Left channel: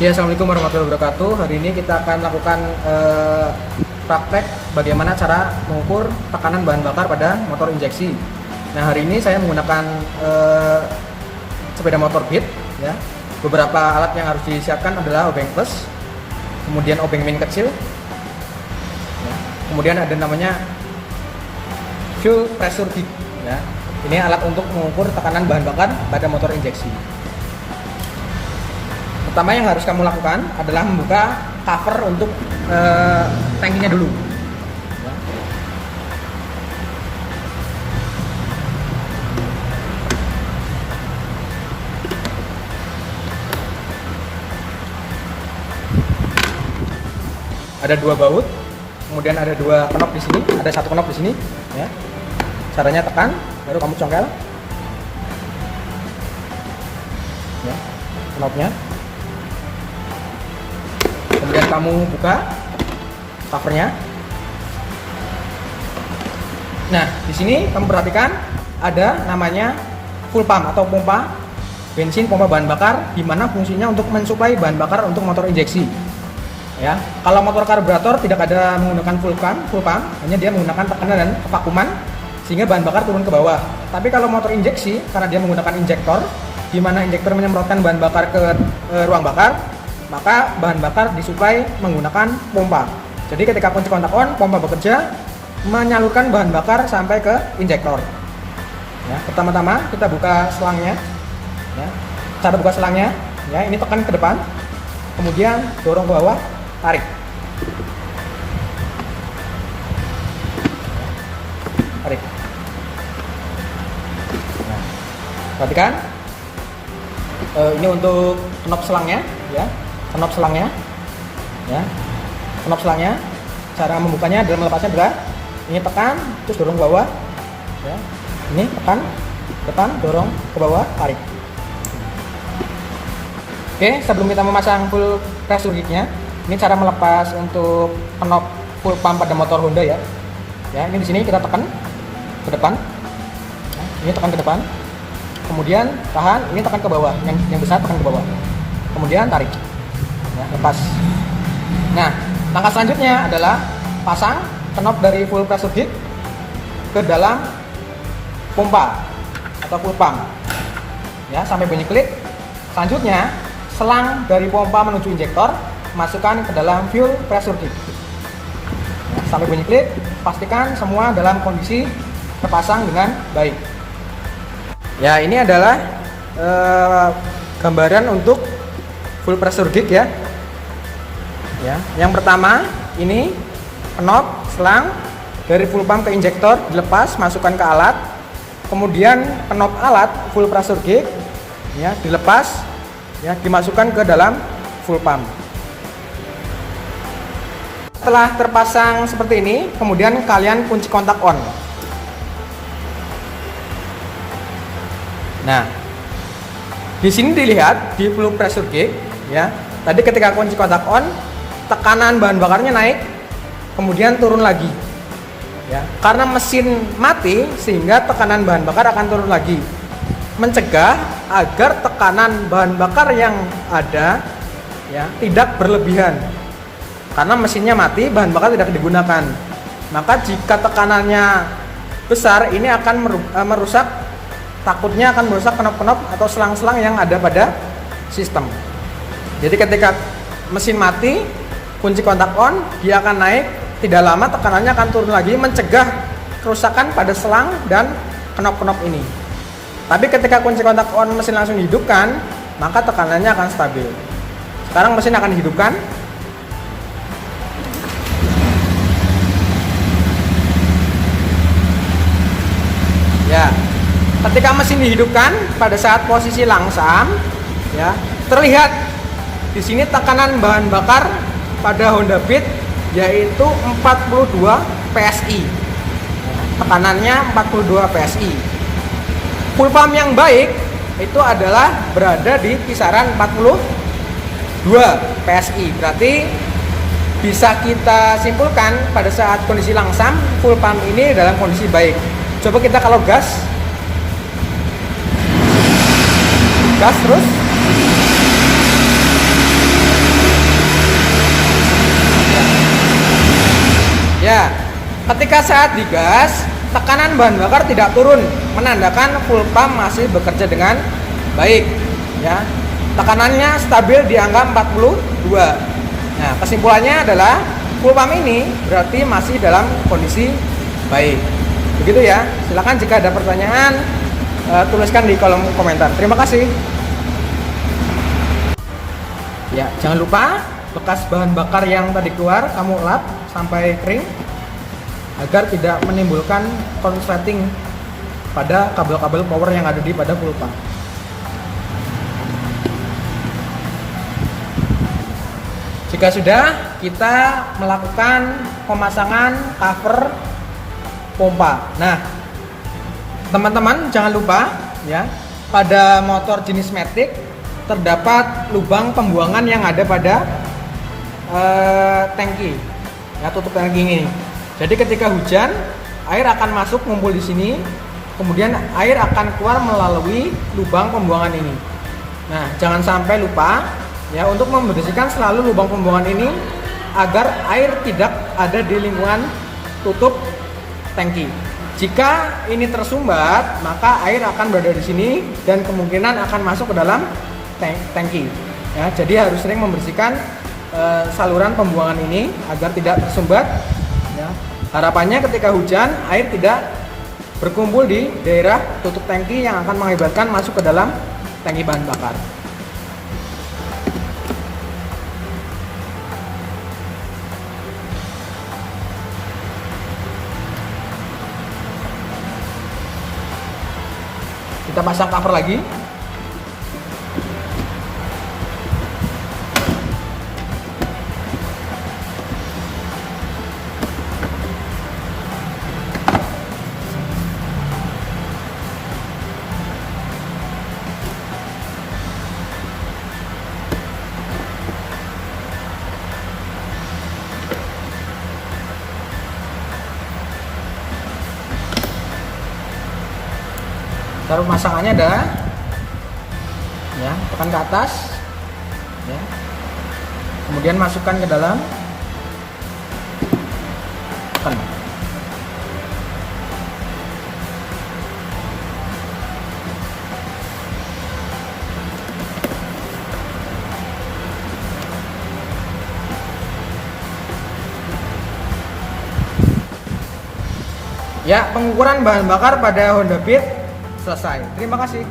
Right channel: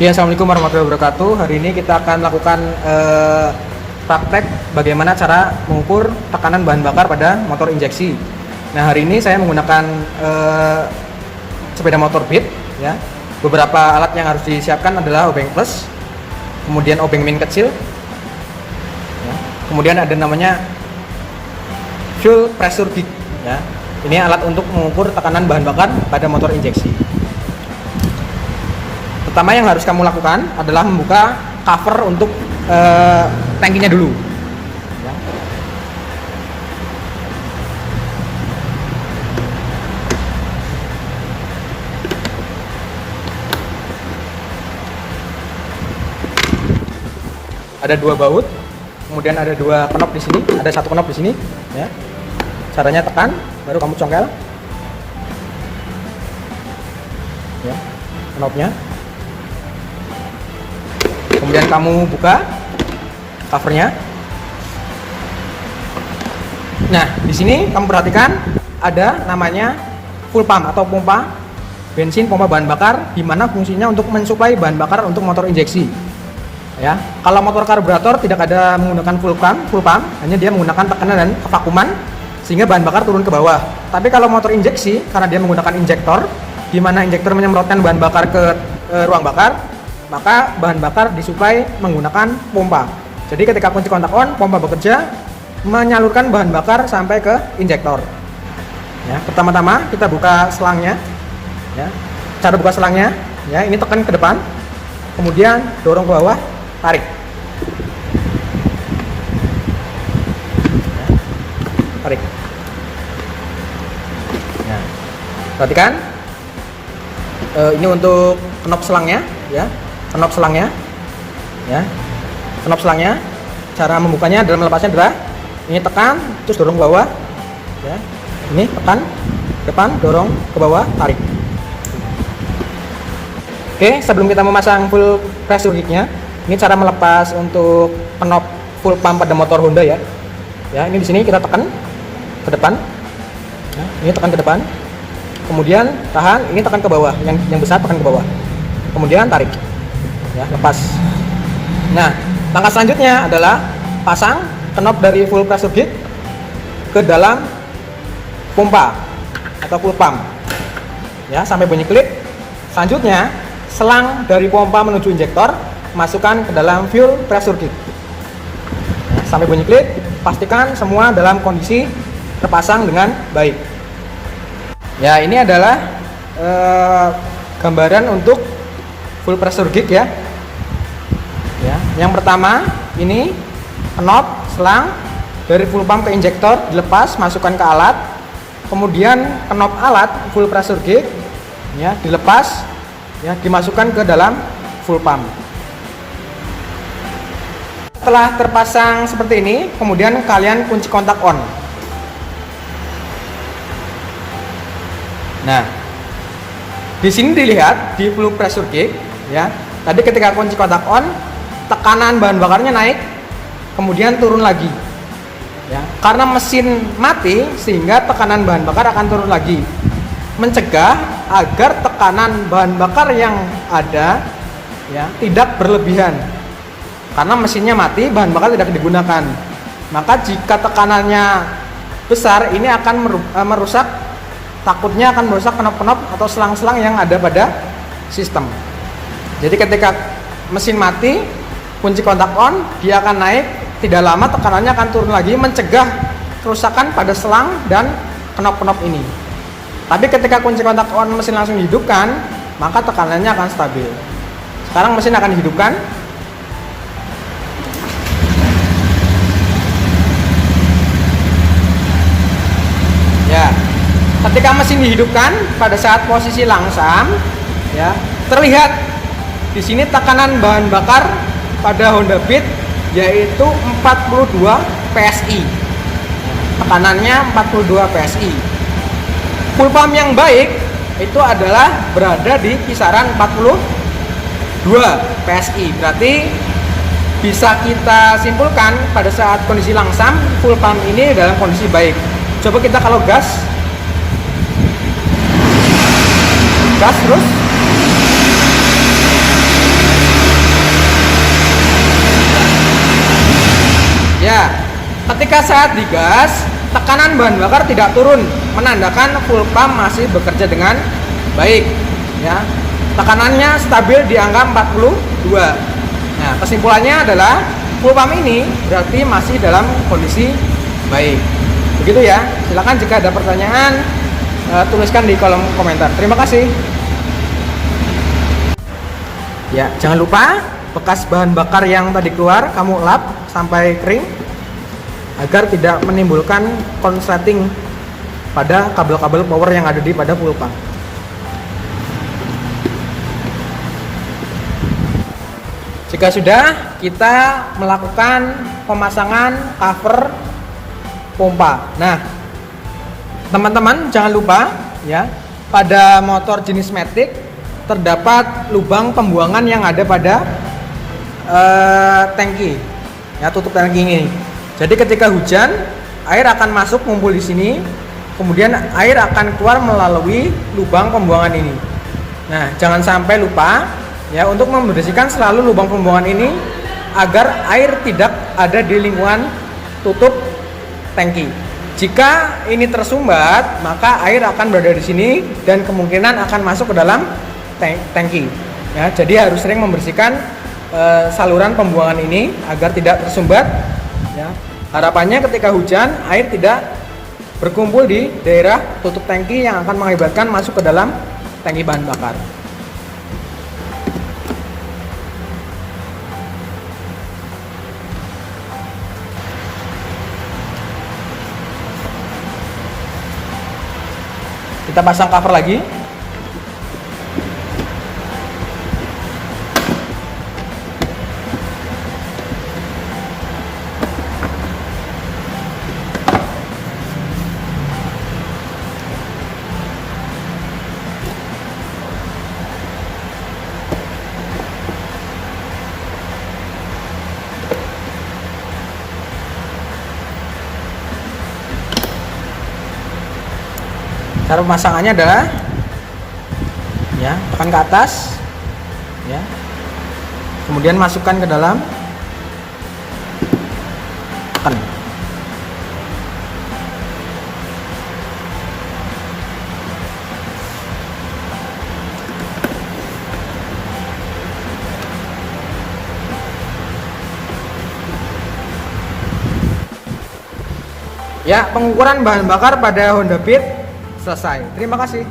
Ya, Assalamualaikum warahmatullahi wabarakatuh. Hari ini kita akan melakukan praktek bagaimana cara mengukur tekanan bahan bakar pada motor injeksi. Nah, hari ini saya menggunakan sepeda motor Beat. Ya. Beberapa alat yang harus disiapkan adalah obeng plus, kemudian obeng min kecil, ya. Kemudian ada namanya fuel pressure gauge. Ya. Ini alat untuk mengukur tekanan bahan bakar pada motor injeksi. Pertama yang harus kamu lakukan adalah membuka cover untuk tangkinya dulu. Ya. Ada dua baut, kemudian ada dua knop di sini, ada satu knop di sini. Ya. Caranya tekan, baru kamu congkel. Ya, knopnya. Kemudian kamu buka covernya. Nah, di sini kamu perhatikan ada namanya full pump atau pompa bensin, pompa bahan bakar, di mana fungsinya untuk mensuplai bahan bakar untuk motor injeksi. Ya, kalau motor karburator tidak ada menggunakan full pump, hanya dia menggunakan tekanan dan kevakuman sehingga bahan bakar turun ke bawah. Tapi kalau motor injeksi, karena dia menggunakan injektor, di mana injektor menyemprotkan bahan bakar ke ruang bakar, maka bahan bakar disuplai menggunakan pompa. Jadi ketika kunci kontak on, pompa bekerja menyalurkan bahan bakar sampai ke injektor. Ya, pertama-tama kita buka selangnya. Ya, cara buka selangnya, ya ini tekan ke depan, kemudian dorong ke bawah, tarik. Tarik. Ya. Perhatikan. Ini untuk knop selangnya, ya. Knop selangnya, ya, knop selangnya. Cara membukanya dan melepasnya adalah ini tekan, terus dorong ke bawah, ya. Ini tekan, depan, dorong ke bawah, tarik. Oke, sebelum kita memasang full pressure gauge-nya, ini cara melepas untuk knop full pump pada motor Honda, ya. Ya, ini di sini kita tekan ke depan, ya, ini tekan ke depan, kemudian tahan, ini tekan ke bawah, yang besar tekan ke bawah, kemudian tarik. Ya, lepas. Nah, langkah selanjutnya adalah pasang knop dari full pressure gauge ke dalam pompa atau full pump. Ya, sampai bunyi klik. Selanjutnya, selang dari pompa menuju injektor masukkan ke dalam fuel pressure gauge. Ya, sampai bunyi klik, pastikan semua dalam kondisi terpasang dengan baik. Ya, ini adalah gambaran untuk full pressure gauge, ya. Ya, yang pertama ini knop selang dari full pump ke injektor dilepas, masukkan ke alat. Kemudian knop alat full pressure gauge, ya, dilepas, ya, dimasukkan ke dalam full pump. Setelah terpasang seperti ini, kemudian kalian kunci kontak on. Nah, di sini dilihat di full pressure gauge, ya. Tadi ketika kunci kontak on, tekanan bahan bakarnya naik, kemudian turun lagi. Ya, karena mesin mati sehingga tekanan bahan bakar akan turun lagi. Mencegah agar tekanan bahan bakar yang ada, ya, tidak berlebihan. Karena mesinnya mati, bahan bakar tidak digunakan. Maka jika tekanannya besar, ini akan merusak, takutnya akan merusak knop-knop atau selang-selang yang ada pada sistem. Jadi ketika mesin mati, kunci kontak on, dia akan naik, tidak lama tekanannya akan turun lagi, mencegah kerusakan pada selang dan knop-knop ini. Tapi ketika kunci kontak on mesin langsung dihidupkan, maka tekanannya akan stabil. Sekarang mesin akan dihidupkan. Ya, ketika mesin dihidupkan pada saat posisi langsam, ya, terlihat di sini tekanan bahan bakar pada Honda Beat yaitu 42 PSI. Tekanannya 42 PSI. Full pump yang baik itu adalah berada di kisaran 42 PSI. Berarti bisa kita simpulkan pada saat kondisi langsam full pump ini dalam kondisi baik. Coba kita kalau gas terus Ketika saat digas, tekanan bahan bakar tidak turun, menandakan fuel pump masih bekerja dengan baik. Ya, tekanannya stabil di angka 42. Nah, kesimpulannya adalah fuel pump ini berarti masih dalam kondisi baik. Begitu ya. Silakan jika ada pertanyaan, tuliskan di kolom komentar. Terima kasih. Ya, jangan lupa bekas bahan bakar yang tadi keluar kamu lap sampai kering agar tidak menimbulkan konsleting pada kabel-kabel power yang ada di pada fuel pump. Jika sudah, kita melakukan pemasangan cover pompa. Nah, teman-teman jangan lupa ya, pada motor jenis Matic terdapat lubang pembuangan yang ada pada tangki, ya, tutup tangki ini. Jadi ketika hujan, air akan masuk ngumpul di sini, kemudian air akan keluar melalui lubang pembuangan ini. Nah, jangan sampai lupa ya untuk membersihkan selalu lubang pembuangan ini agar air tidak ada di lingkungan tutup tangki. Jika ini tersumbat, maka air akan berada di sini dan kemungkinan akan masuk ke dalam tangki. Ya, jadi harus sering membersihkan saluran pembuangan ini agar tidak tersumbat. Ya. Harapannya ketika hujan air tidak berkumpul di daerah tutup tangki yang akan mengakibatkan masuk ke dalam tangki bahan bakar. Kita pasang cover lagi. Cara pemasangannya adalah ya, tekan ke atas ya. Kemudian masukkan ke dalam, tekan. Ya, pengukuran bahan bakar pada Honda Beat selesai. Terima kasih.